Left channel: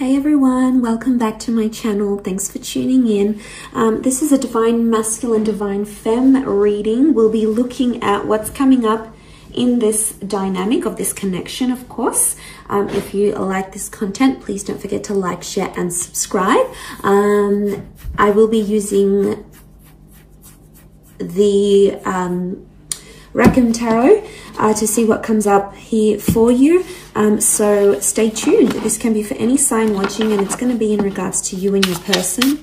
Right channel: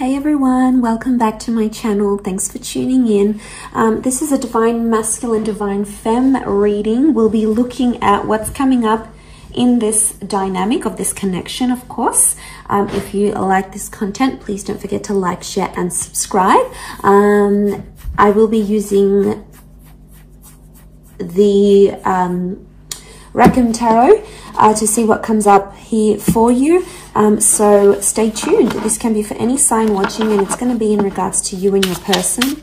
Hey everyone, welcome back to my channel. Thanks for tuning in. This is a Divine Masculine, Divine Femme reading. We'll be looking at what's coming up in this dynamic of this connection, of course. If you like this content, please don't forget to like, share, and subscribe. I will be using the Raccoon Tarot to see what comes up here for you. So stay tuned. This can be for any sign watching, and it's going to be in regards to you and your person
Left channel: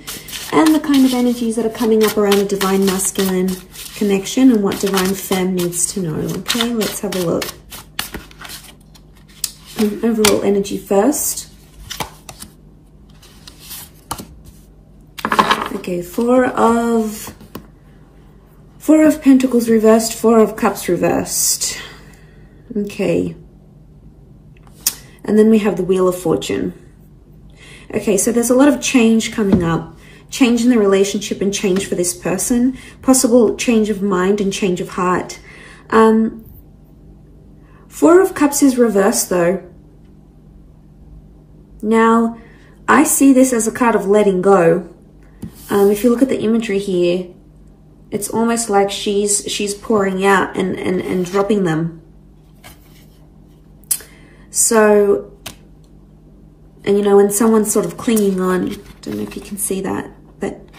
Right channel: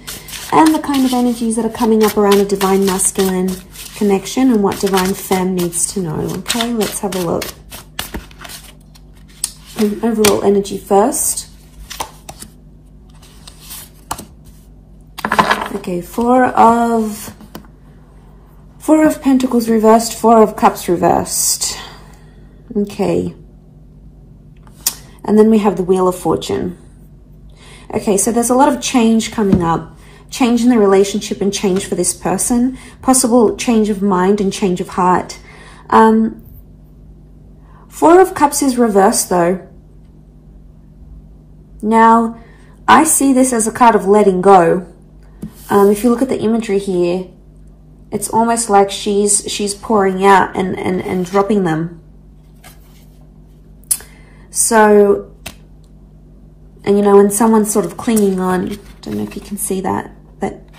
and the kind of energies that are coming up around a Divine Masculine connection and what Divine Femme needs to know. Okay, let's have a look. Overall energy first. Okay, Four of Pentacles reversed, Four of Cups reversed. Okay. And then we have the Wheel of Fortune. Okay, so there's a lot of change coming up. Change in the relationship and change for this person. Possible change of mind and change of heart. Four of Cups is reversed though. Now, I see this as a card of letting go. If you look at the imagery here, it's almost like she's pouring out and dropping them. So, and you know, when someone's sort of clinging on, I don't know if you can see that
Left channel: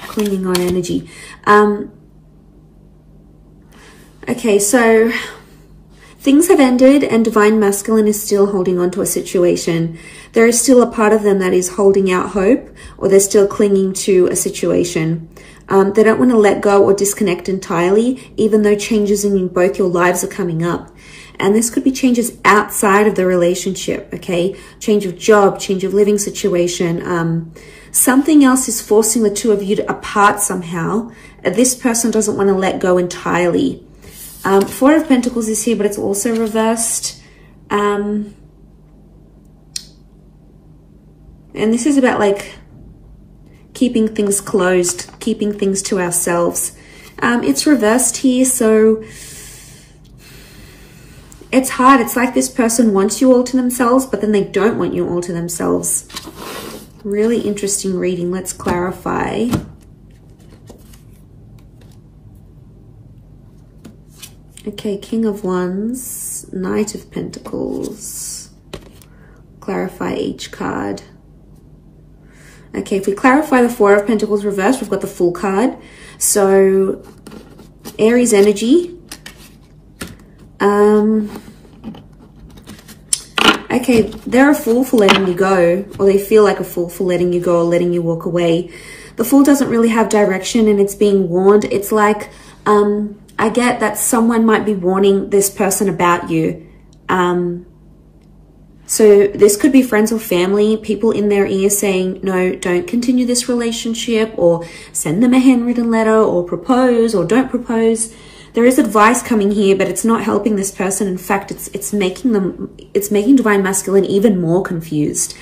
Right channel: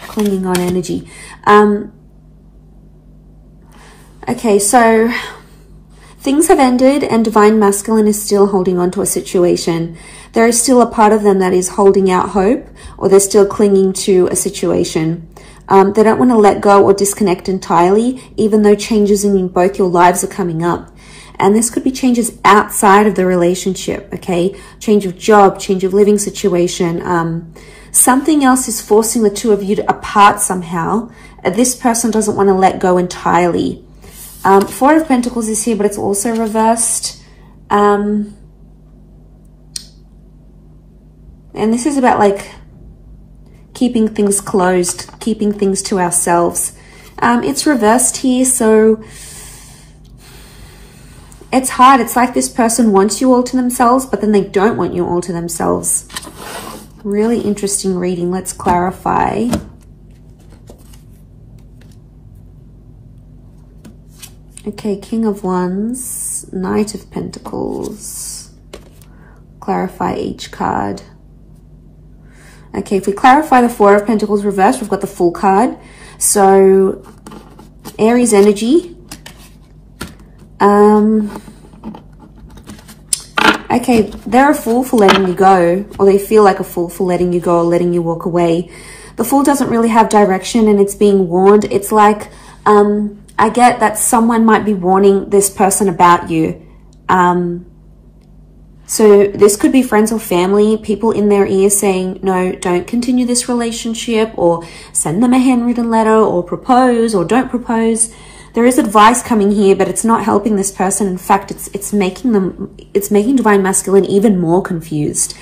clinging on energy. Okay, so things have ended and Divine Masculine is still holding on to a situation. There is still a part of them that is holding out hope, or they're still clinging to a situation. They don't want to let go or disconnect entirely, even though changes in both your lives are coming up. And this could be changes outside of the relationship, okay? Change of job, change of living situation. Something else is forcing the two of you apart somehow. This person doesn't want to let go entirely. Four of Pentacles is here, but it's also reversed. And this is about like keeping things closed, keeping things to ourselves. It's reversed here, so it's hard. It's like this person wants you all to themselves, but then they don't want you all to themselves. Really interesting reading. Let's clarify. Okay, King of Wands, Knight of Pentacles. Clarify each card. Okay, if we clarify the Four of Pentacles reversed, we've got the Fool card. So, Aries energy. Okay, they're a fool for letting you go, or they feel like a fool for letting you go or letting you walk away. The Fool doesn't really have direction and it's being warned. It's like, I get that someone might be warning this person about you. So this could be friends or family, people in their ear saying, no, don't continue this relationship, or send them a handwritten letter, or propose, or don't propose. There is advice coming here, but it's not helping this person. In fact, it's making Divine Masculine even more confused.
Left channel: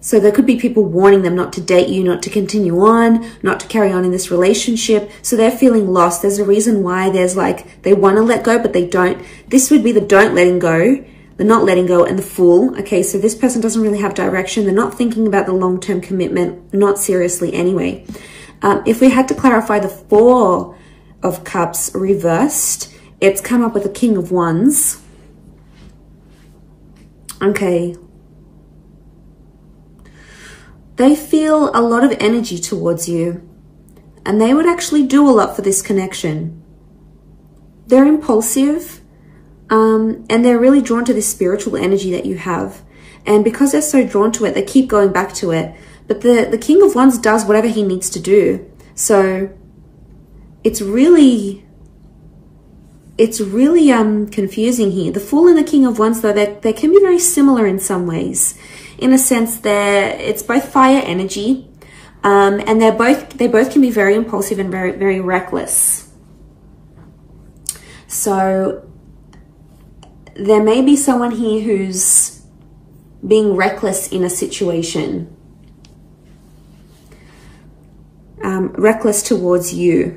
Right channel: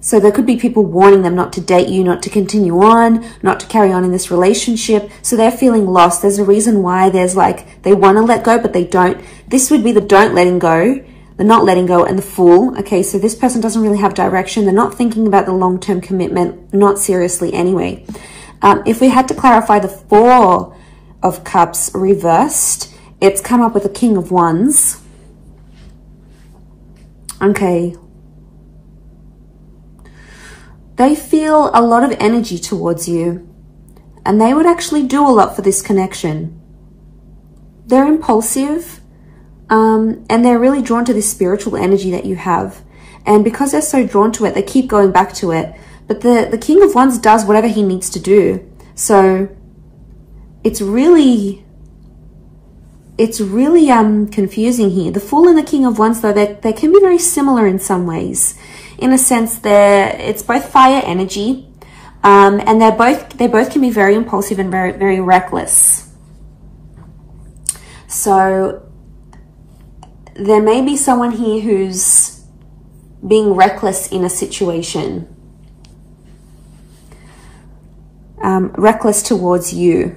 So there could be people warning them not to date you, not to continue on, not to carry on in this relationship. So they're feeling lost. There's a reason why there's like, they want to let go, but they don't. This would be the don't letting go, the not letting go, and the Fool. Okay, so this person doesn't really have direction. They're not thinking about the long-term commitment, not seriously anyway. If we had to clarify the Four of Cups reversed, it's come up with the King of Wands. Okay. They feel a lot of energy towards you, and they would actually do a lot for this connection. They're impulsive, and they're really drawn to this spiritual energy that you have. And because they're so drawn to it, they keep going back to it. But the King of Wands does whatever he needs to do. So it's really confusing here. The Fool and the King of Wands, though, they can be very similar in some ways. In a sense, it's both fire energy, and they both can be very impulsive and very, very reckless. So there may be someone here who's being reckless in a situation. Reckless towards you.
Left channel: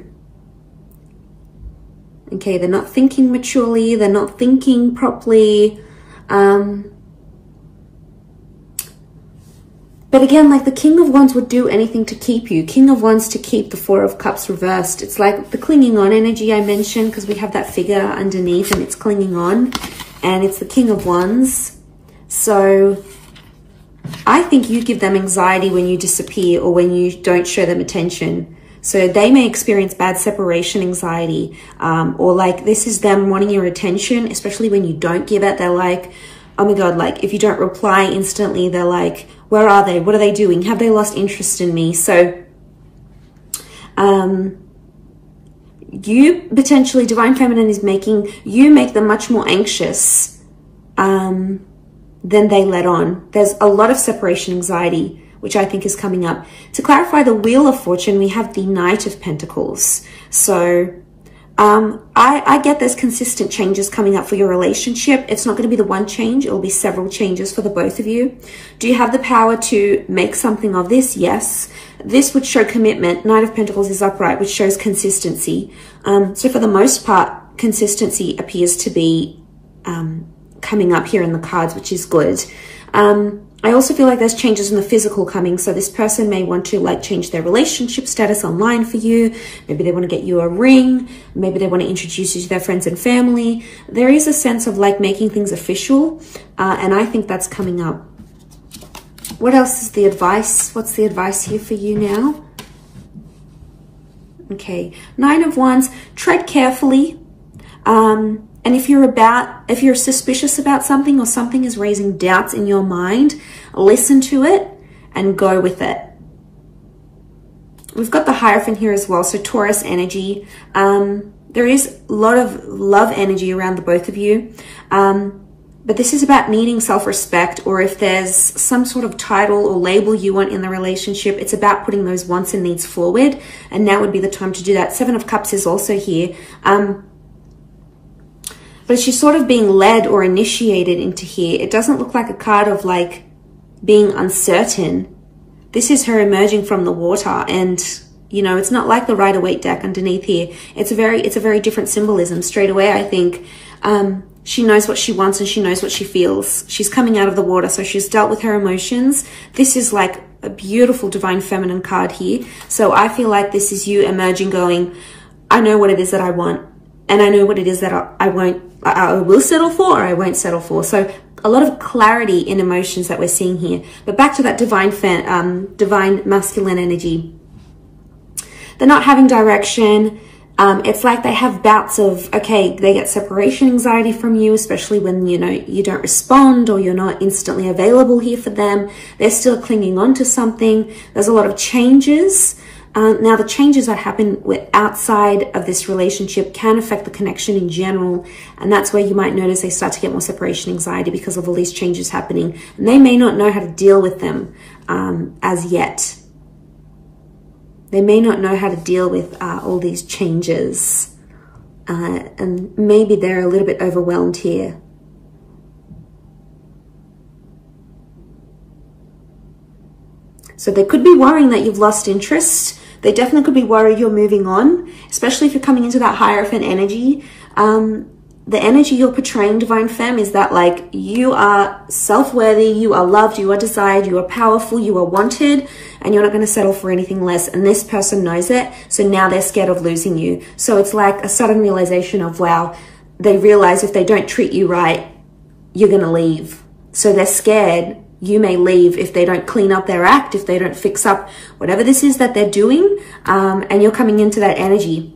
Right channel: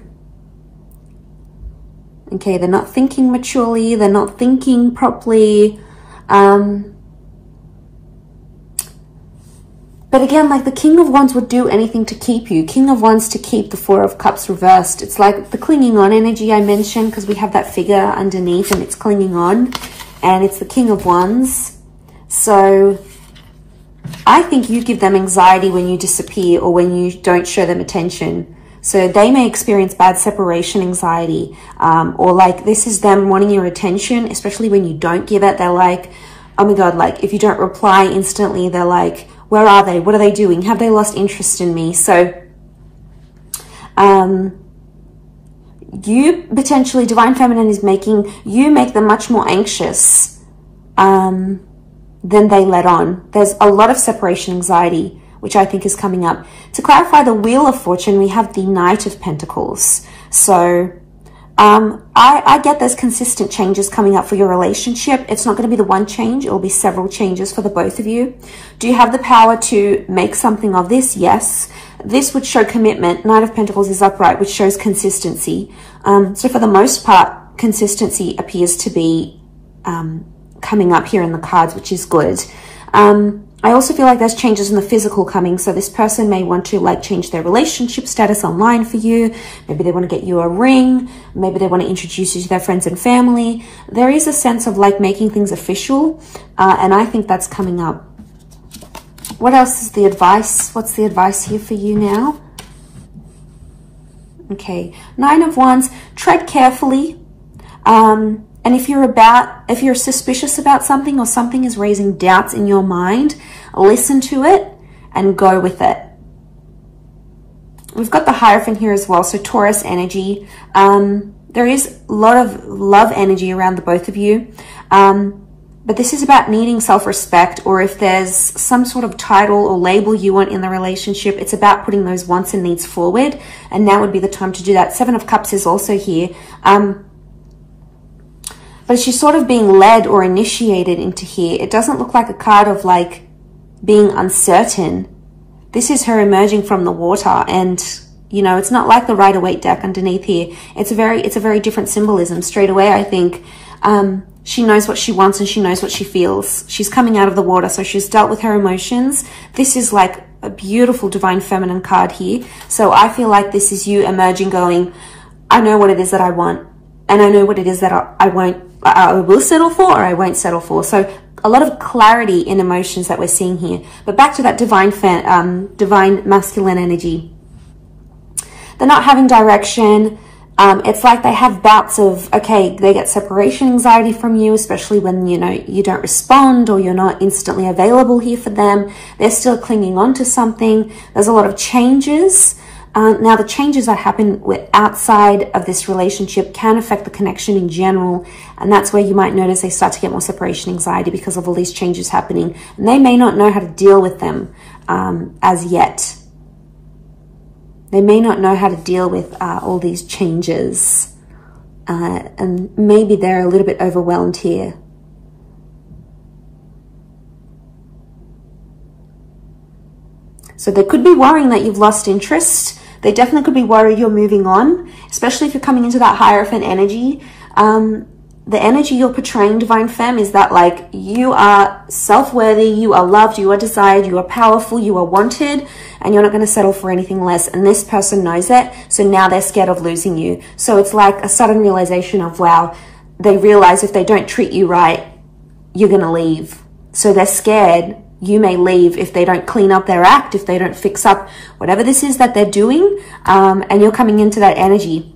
Okay, they're not thinking maturely, they're not thinking properly. But again, like the King of Wands would do anything to keep you. King of Wands to keep the Four of Cups reversed. It's like the clinging on energy I mentioned, because we have that figure underneath and it's clinging on. And it's the King of Wands. So I think you give them anxiety when you disappear or when you don't show them attention. So they may experience bad separation anxiety, or like this is them wanting your attention, especially when you don't give it. They're like, oh my God, like if you don't reply instantly, they're like, where are they? What are they doing? Have they lost interest in me? So you potentially, Divine Feminine is making you make them much more anxious than they let on. There's a lot of separation anxiety, which I think is coming up. To clarify the Wheel of Fortune, we have the Knight of Pentacles. So I get there's consistent changes coming up for your relationship. It's not going to be the one change. It will be several changes for the both of you. Do you have the power to make something of this? Yes. This would show commitment. Knight of Pentacles is upright, which shows consistency. So for the most part, consistency appears to be coming up here in the cards, which is good. I also feel like there's changes in the physical coming. So this person may want to like change their relationship status online for you. Maybe they want to get you a ring. Maybe they want to introduce you to their friends and family. There is a sense of like making things official. And I think that's coming up. What else is the advice? What's the advice here for you now? Okay. Nine of Wands, tread carefully. And if you're suspicious about something or something is raising doubts in your mind, listen to it and go with it. We've got the Hierophant here as well, so Taurus energy. There is a lot of love energy around the both of you. But this is about needing self-respect, or if there's some sort of title or label you want in the relationship, it's about putting those wants and needs forward. And now would be the time to do that. Seven of Cups is also here. But she's sort of being led or initiated into here. It doesn't look like a card of like being uncertain. This is her emerging from the water, and you know, it's not like the Rider-Waite deck underneath here. It's a very different symbolism straight away, I think. She knows what she wants and she knows what she feels. She's coming out of the water, so she's dealt with her emotions. This is like a beautiful Divine Feminine card here. So I feel like this is you emerging going, I know what it is that I want, and I know what it is that I will settle for or I won't settle for. So a lot of clarity in emotions that we're seeing here. But back to that divine masculine energy. They're not having direction. It's like they have bouts of, okay, they get separation anxiety from you, especially when, you know, you don't respond or you're not instantly available here for them. They're still clinging on to something. There's a lot of changes. Now, the changes that happen outside of this relationship can affect the connection in general. And that's where you might notice they start to get more separation anxiety because of all these changes happening. And they may not know how to deal with them as yet. They may not know how to deal with all these changes. And maybe they're a little bit overwhelmed here. So they could be worrying that you've lost interest. They definitely could be worried you're moving on, especially if you're coming into that Hierophant energy. The energy you're portraying, Divine Femme, is that like you are self-worthy, you are loved, you are desired, you are powerful, you are wanted, and you're not going to settle for anything less. And this person knows it, so now they're scared of losing you. So it's like a sudden realization of, wow, they realize if they don't treat you right, you're going to leave. So they're scared you may leave if they don't clean up their act, if they don't fix up whatever this is that they're doing, and you're coming into that energy.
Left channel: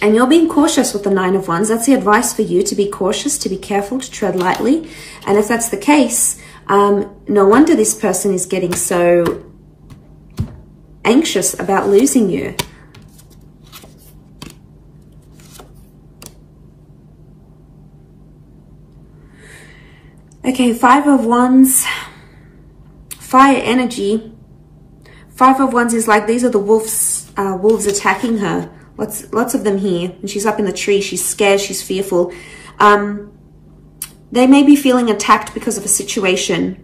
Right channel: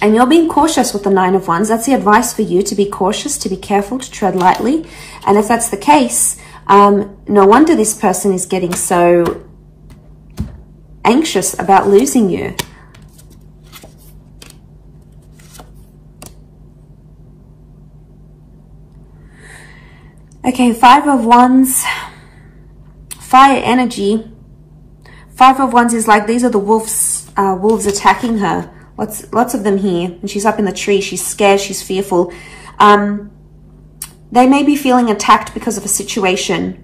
And you're being cautious with the Nine of Wands. That's the advice for you, to be cautious, to be careful, to tread lightly. And if that's the case, no wonder this person is getting so anxious about losing you. Okay, Five of Wands, fire energy. Five of Wands is like, these are the wolves attacking her. Lots of them here. And she's up in the tree. She's scared. She's fearful. They may be feeling attacked because of a situation.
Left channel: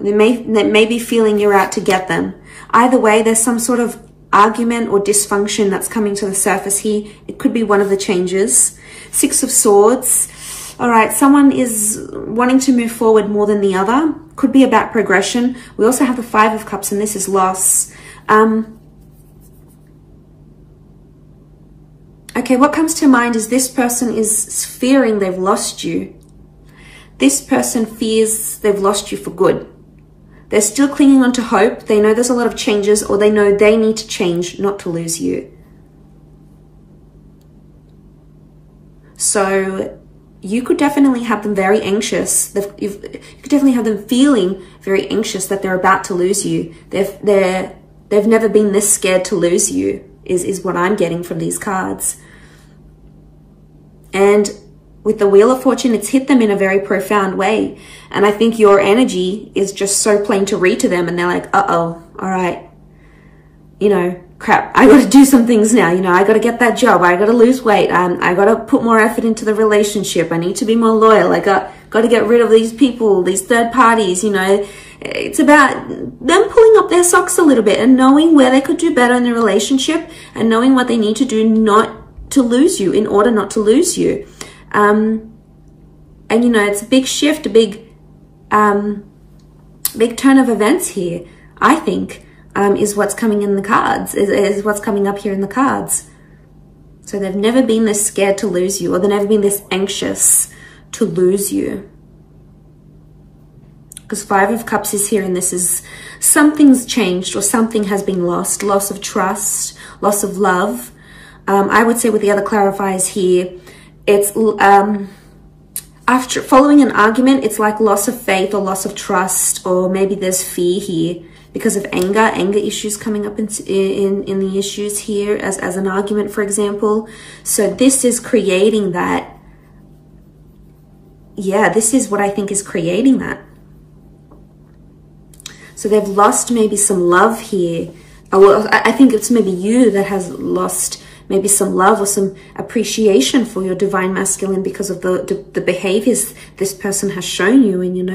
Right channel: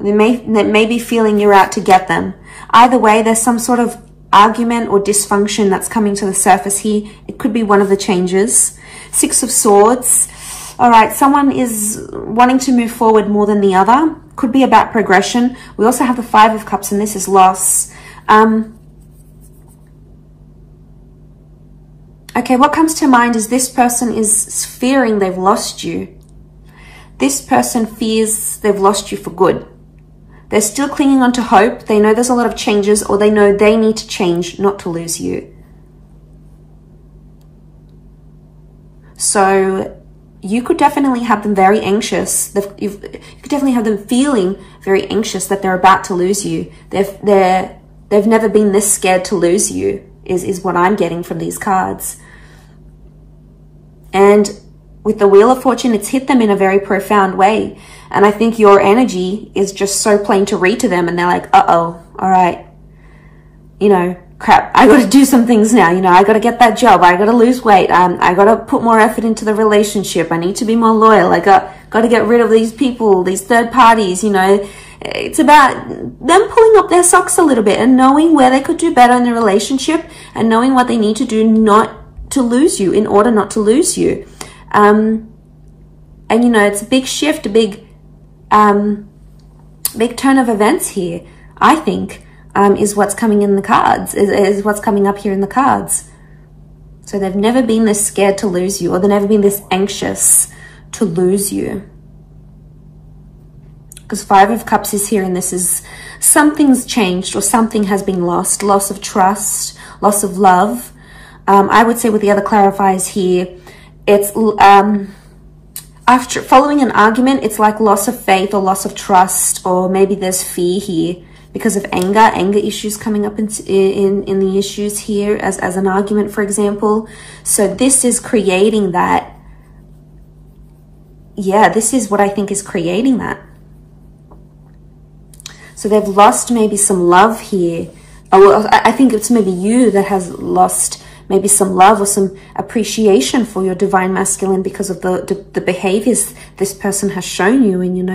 They may be feeling you're out to get them. Either way, there's some sort of argument or dysfunction that's coming to the surface here. It could be one of the changes. Six of Swords. All right, someone is wanting to move forward more than the other. could be about progression. We also have the Five of Cups, and this is loss. Okay, what comes to mind is this person is fearing they've lost you. This person fears they've lost you for good. They're still clinging on to hope. They know there's a lot of changes, or they know they need to change not to lose you. So you could definitely have them very anxious. You could definitely have them feeling very anxious that they're about to lose you. They've never been this scared to lose you, is what I'm getting from these cards. And with the Wheel of Fortune, it's hit them in a very profound way. And I think your energy is just so plain to read to them. And they're like, uh-oh, all right, you know, crap, I got to do some things now. You know, I got to get that job. I got to lose weight. I got to put more effort into the relationship. I need to be more loyal. I got to get rid of these people, these third parties, you know. It's about them pulling up their socks a little bit and knowing where they could do better in the relationship and knowing what they need to do not to lose you, in order not to lose you. And, you know, it's a big shift, a big turn of events here, I think, is what's coming in the cards, is what's coming up here in the cards. So they've never been this scared to lose you, or they've never been this anxious to lose you. Because Five of Cups is here, and this is something's changed, or something has been lost. Loss of trust, loss of love. I would say with the other clarifiers here, it's after following an argument, it's like loss of faith or loss of trust, or maybe there's fear here because of anger issues coming up in the issues here as an argument, for example. So this is creating that. Yeah, this is what I think is creating that. So they've lost maybe some love here. Oh, I think it's maybe you that has lost maybe some love or some appreciation for your divine masculine because of the behaviors this person has shown you. And, you know,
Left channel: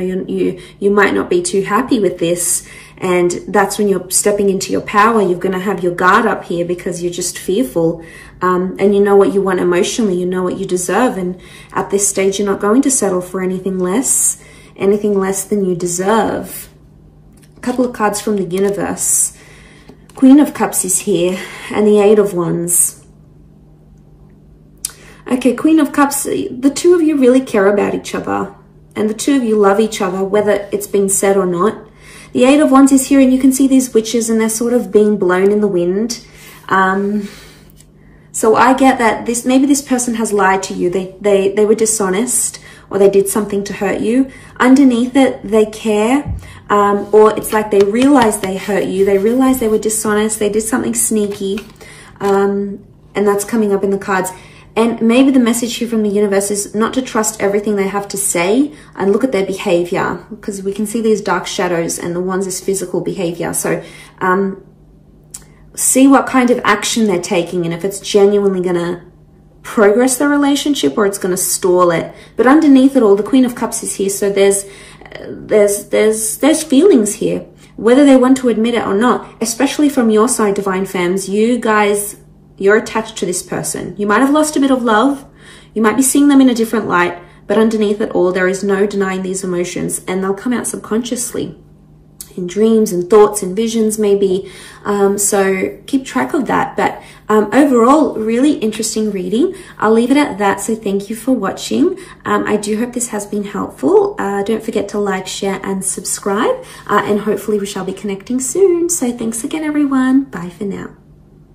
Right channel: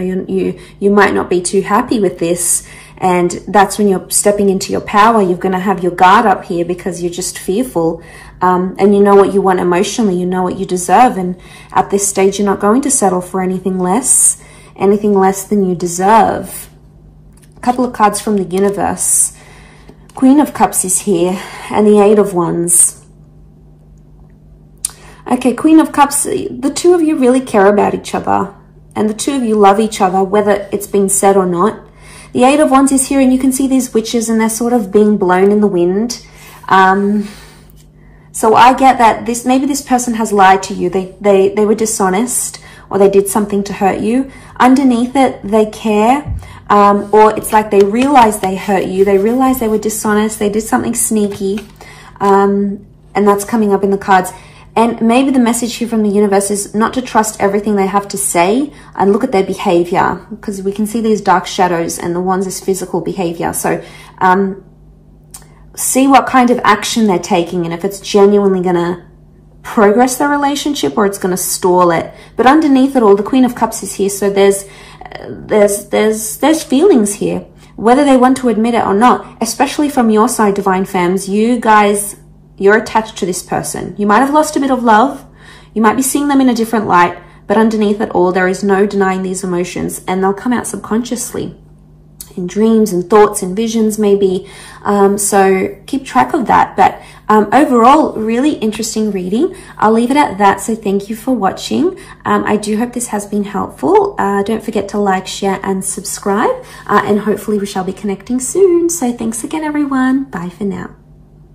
you might not be too happy with this. And that's when you're stepping into your power. You're going to have your guard up here because you're just fearful. And you know what you want emotionally. You know what you deserve. And at this stage, you're not going to settle for anything less than you deserve. A couple of cards from the universe. Queen of Cups is here, and the Eight of Wands. Okay, Queen of Cups, the two of you really care about each other, and the two of you love each other, whether it's been said or not. The Eight of Wands is here, and you can see these witches, and they're sort of being blown in the wind. So I get that maybe this person has lied to you. They were dishonest, or they did something to hurt you. Underneath it, they care. Or it's like they realize they hurt you. They realize they were dishonest. They did something sneaky. And that's coming up in the cards. And maybe the message here from the universe is not to trust everything they have to say and look at their behavior, because we can see these dark shadows, and the Wands is physical behavior. So see what kind of action they're taking and if it's genuinely going to progress the relationship or it's going to stall it. But underneath it all, the Queen of Cups is here. So there's feelings here, whether they want to admit it or not, especially from your side, divine femmes. You guys, you're attached to this person. You might have lost a bit of love. You might be seeing them in a different light, but underneath it all, there is no denying these emotions, and they'll come out subconsciously in dreams and thoughts and visions maybe. So keep track of that. But overall, really interesting reading. I'll leave it at that. So thank you for watching. I do hope this has been helpful. Don't forget to like, share, and subscribe. And hopefully we shall be connecting soon. So thanks again, everyone. Bye for now.